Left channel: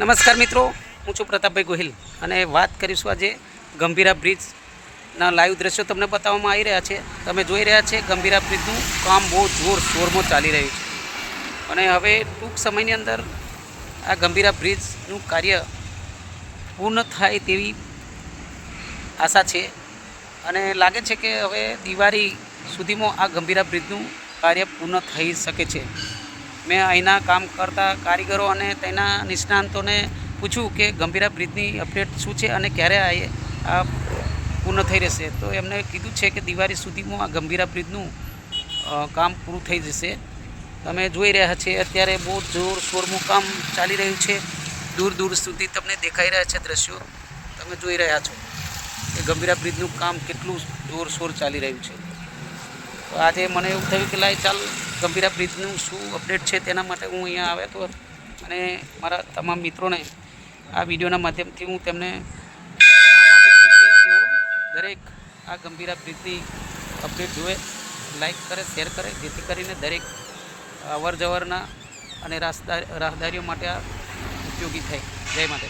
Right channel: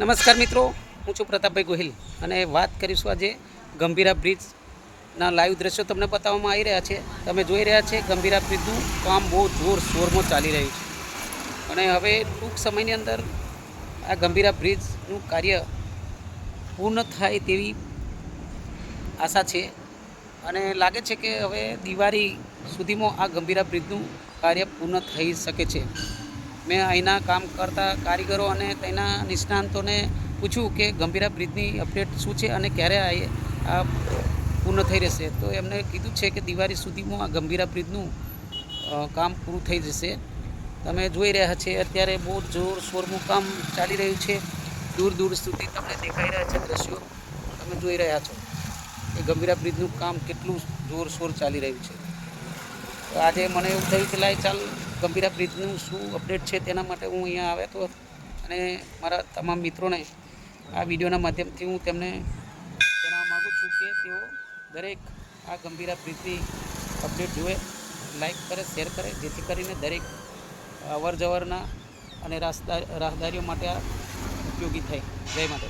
નમસ્કાર મિત્રો, હું છું પ્રતાપભાઈ ગોહિલ અને વાત કરીશું આજે ગંભીરા બ્રિજના લાઈવ દ્રશ્યો તમને બતાવવામાં આવી રહ્યા છે. તમે જોઈ રહ્યા છે ગંભીરા બ્રિજનું કામ બહુ જોરશોરમાં ચાલી રહ્યું છે અને હવે ટૂંક સમયની અંદર આ ગંભીરા બ્રિજનું કાર્ય પૂર્ણ થાય તેવી આશા છે અને લાગે છે કે હવે દિવાળી સુધીમાં આ ગંભીરા બ્રિજનું કાર્ય પૂર્ણ થઈ શકે છે. મેં અહીંના કામ કરતા કારીગરો અને તેના નિષ્ણાંતોને પૂછ્યું કે ગંભીરા બ્રિજની અપડેટ શું છે અને ક્યારે આ પૂર્ણ થઈ રહેશે. તો એમને કીધું છે કે દિવાળી સુધીમાં આ ગંભીરા બ્રિજનું કામ પૂરું થઈ જશે. તમે જોઈ રહ્યા છે અત્યારે બહુ જોરશોરનું કામ ચાલી રહ્યું છે. દૂર દૂર સુધી તમને દેખાઈ રહ્યા છે દ્રશ્યો. તમે જોઈ રહ્યા છો કે ગંભીરા બ્રિજનું કામ કેટલું જોરશોર ચાલી રહ્યું છે. તો આજે મને એવું થયું કે લાય ચાલ ગંભીરા બ્રિજનું શું અપડેટ છે તેના માટે હું અહીંયા આવ્યો હતો અને મારા તમામ મિત્રોને આ વિડીયોના માધ્યમથી હું તેમને જણાવવા માગું છું કે તેઓ દરેક આ ગંભીરા બ્રિજની અપડેટ જુએ, લાઈક કરે, શેર કરે, જેથી કરીને દરેક અવર જવરના અને રાહદારીઓ માટે આ ઉપયોગી થાય. જય માતા.